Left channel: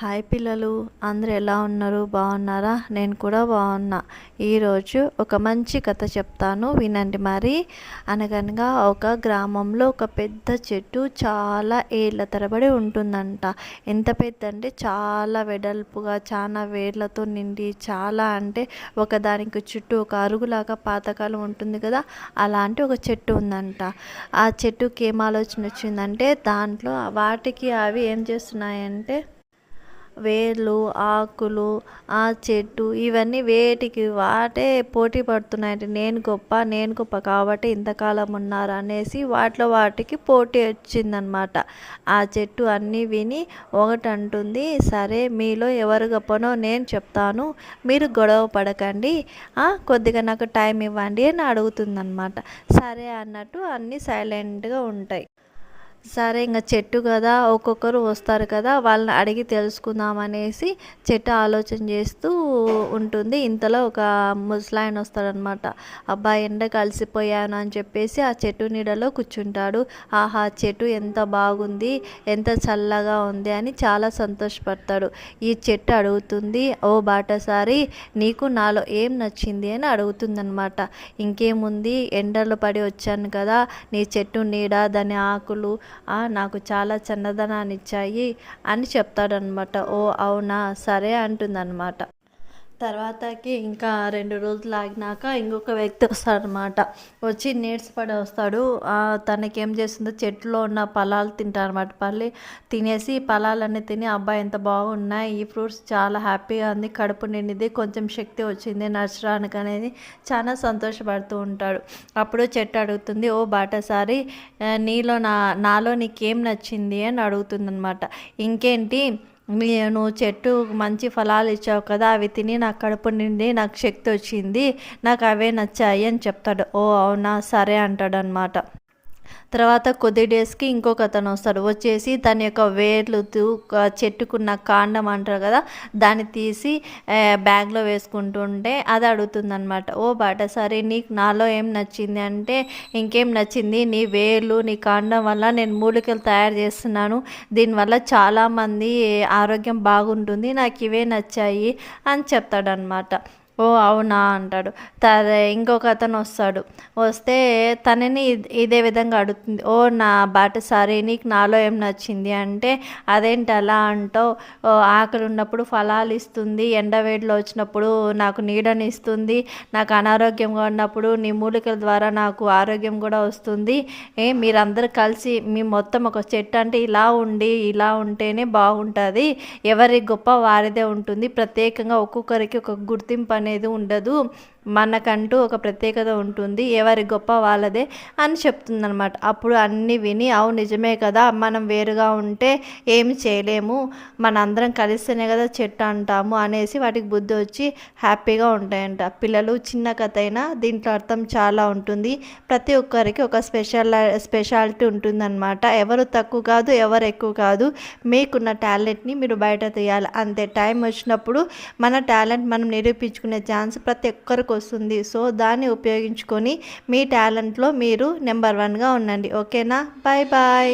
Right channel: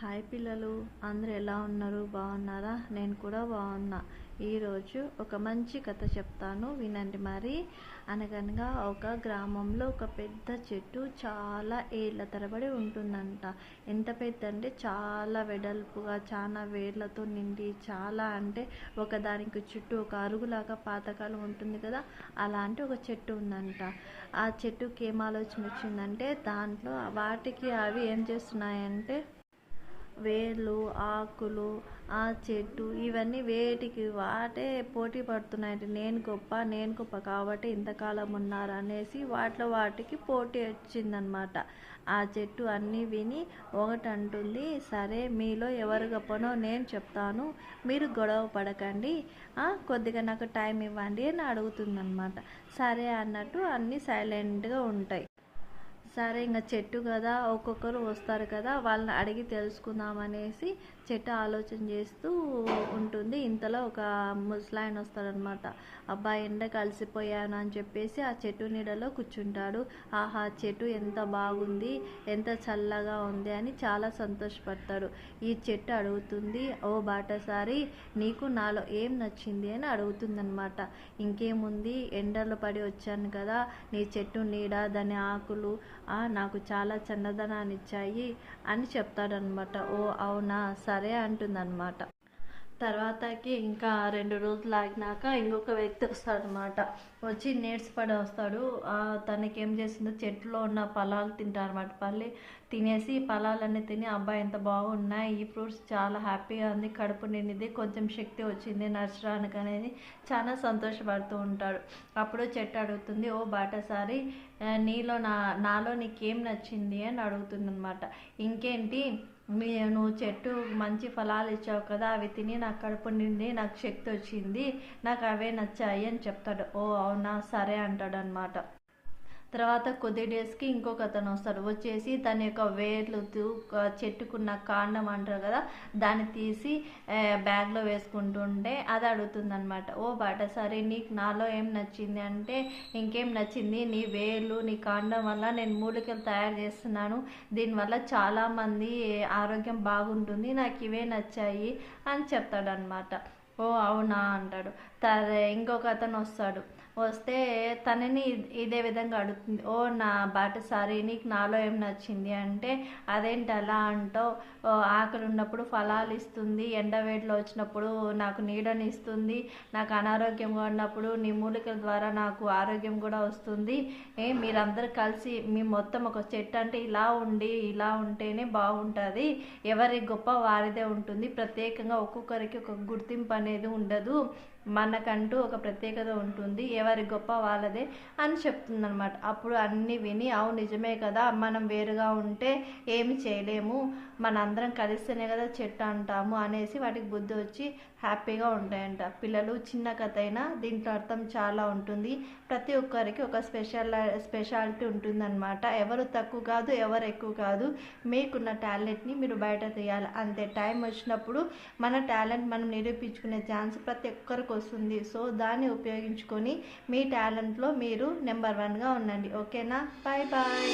Hi పిల్లలు, అందరూ ఎలా ఉన్నారు? బాగున్నారా? నేను కూడా బాగున్నా. ఈరోజు ఒక మంచి కథ చెప్తాను, వినండి మరి. అనగనగా ఒక గ్రామంలో ఒక పెద్ద చెట్టు చాలా ఏళ్ళ తరబడి ఉంటుందంట. ఎంత పెద్ద అంటే చాలా వెడల్పుగా, చాలా వేర్లతో నిండి, చాలా అంటే ఒకదానికి చుట్టూ ఒక అరుగులాగా పాతకాలం ఉంటుంది కదా, అలాంటి ఒక చెట్టు ఉందంట. ఆ చెట్టుకి ఏం ఆలోచన వచ్చిందంటే, దాంట్లో వాటికి అవి ఏం చేస్తున్నాయంటే వేర్లు, ఆకులు, ఆ చెట్టు ఇవన్నీ వేటికి వాటే పోటీ పడుతున్నాయంటే, నేను గొప్ప కాబట్టి ఇంతకాలం ఉన్నారు అనేసి వాటికి పోటీ వచ్చిందనమాట. ఆ చెట్టు అన్నీ విని ఒకటి అంటుంది, సరే మీలో ఎవరు గొప్పనో నేను చెప్తాను, మీరు గొడవ పడకండి, కొద్దిగా నాకు టైం ఇవ్వండి అని అడుగుతుందన్నమాట. సరే అన్నట్టు అన్నీ సైలెంట్గా ఉంటాయి. సరే ఇంక చెట్టు కదా, ఒక్కొక్కరు వస్తారు కదా, వాళ్ళని అడిగి తెలుసుకుందాం అనేసి చెట్టు ఆలోచన చేస్తూ ఉంటుంది. ఇంతలో ఒక ముసలాయన వస్తాడనమాట. అబ్బాయి ఎండకు అలసిపోయాను అని చెప్పేసి ఆ చెట్టు నీడలో కూర్చుంటాడు. ఆహా, చెట్టు ఎంత బాగుంది, ఎంత చల్లగా ఉంది అని చాలా సంతోషపడతాడు. ఈ చెట్టు అడుగుతుంది, ఓ బాటసారి, నీకు నాలో ఏం నచ్చింది అని అడుగుతుందనమాట. ఇంకేముంది, ఎండలో పడి వచ్చాను కదా, నీ చెట్టు నీడ, దాని ఆకులు నాకు చాలా చల్లదనాన్ని ఇచ్చాయి అని చెప్తాడనమాట. ఓ అవునా, సరే అంటుందన్నమాట. తర్వాతకి ఇంకా 2 రోజులు ఆగినాక ఇంకొక వ్యక్తి వస్తాడనమాట. వచ్చి నీరసపడి వస్తాడు. తనకేం చేస్తుందో చెట్టులో ఉన్న ఫలాలు తింటారనమాట. తినేసి ఫలాలన్నీ తిని, అబ్బాయి ఎంత బాగున్నాయి, ఈ ఫ్రూట్స్ చాలా హ్యాపీగా ఉంది, కడుపు నిండింది, కొంచెం శక్తి వచ్చింది నడచడానికి అనేది చాలా సంతోషపడుతూ ఉంటాడు. అప్పుడు చెట్టు అడుగుతుంది, ఓ బాటసారి, నాలో నీకేం నచ్చింది అని అడుగుతుందనమాట. ఇంకేంటి, నువ్వు చెట్టు మంచి ఫలాలు ఇచ్చావు కదా, అవి తిని నాకు కడుపు నిండి నాకు శక్తి వచ్చింది, నాకు అవే నచ్చాయి అని చెప్తాడు. ఓ అవునా, సరే అంటాడు అనమాట. తర్వాత కొద్ది డేస్కి ఇంకొక అతను వస్తాడు. వచ్చేసి తన యొక్క వేర్లు చెట్టుకున్న కాండం అంటారు కదా, దాన్ని తీసి బ్యాగ్లో వేసుకుంటుంటే అది అడుగుతుందనమాట. ఓ బాటసారి, నీకు నాలో ఏం నచ్చింది అంటే, ఇంకేం నచ్చింది, నీ వేర్లు, నీ కాండం వల్ల నేను మూలికలు తయారు చేస్తున్నాను, దీనివల్ల చాలామంది ఆరోగ్యం బాగుంటుంది, నాకు ఇవే నచ్చాయి అని చెప్తాడనమాట. ఓ అవునా అంటాడు. ఇంకొక అతను వస్తాడు. వస్తే తనని ఇదే విధంగా అడుగుతుంది. ఓ నా బాటసారి, నీకు నాలో ఏం నచ్చింది అంటే, అదేంటి అలా అంటావు, ఆకలి ఉన్నప్పుడు ఫలాలు ఇస్తుంది, ఎండవేడిలో వచ్చినప్పుడు నాకు నీడని ఇస్తుంది, నాకు అనారోగ్యంగా ఉన్నప్పుడు నీ మూలికల ద్వారా నాకు ఆరోగ్యం కూడా వస్తుంది, మీరందరూ కలిసి మీ మొత్తం ఒక చెట్టు అంటే ఇలా ఉంటేనే బాగుంటుంది, ఎవరి గొప్ప వారిదే ఉంటుంది, ప్రత్యేకంగా ఒక్కొక్కరికి ఒక గుర్తింపు అనేది ఉండదు, మనకంటూ ఒక ప్రత్యేకత ఉంటుంది, ఎవరి గొప్ప వాళ్ళదే అని చెప్తుందనమాట. అప్పుడు అన్నీ విని, అవును నిజమే కదా, మనం వేరుగా ఉంటే ఏమి చేయలేము, మనందరం కలిస్తేనే కదా చెట్టు అంటాము అనేసి వాటికి బుద్ధి వచ్చి హ్యాపీగా ఉంటాయంట. పిల్లలు, చిన్న కథ అయినా దీంట్లో అర్థం చాలా ఉంటుంది. ప్రతి ఒక్కరికి ఒక స్పెషాలిటీ ఉంటుందన్నమాట. ఎవరు తక్కువ కాదు, ఎవరు ఎక్కువ కాదు, మీకున్న టాలెంట్ని మీరు బయట తీయాలి అంతే. టైం వచ్చినప్పుడు మన టాలెంట్ మనం నిరూపించుకునే ఛాన్స్ ప్రతి ఒక్కరికి వస్తుంది. సో దాన్ని ఉపయోగించుకొని మీ టాలెంట్లో మీరు నెంబర్ 1గా ఉండండి. ఓకేనా? Bye bye.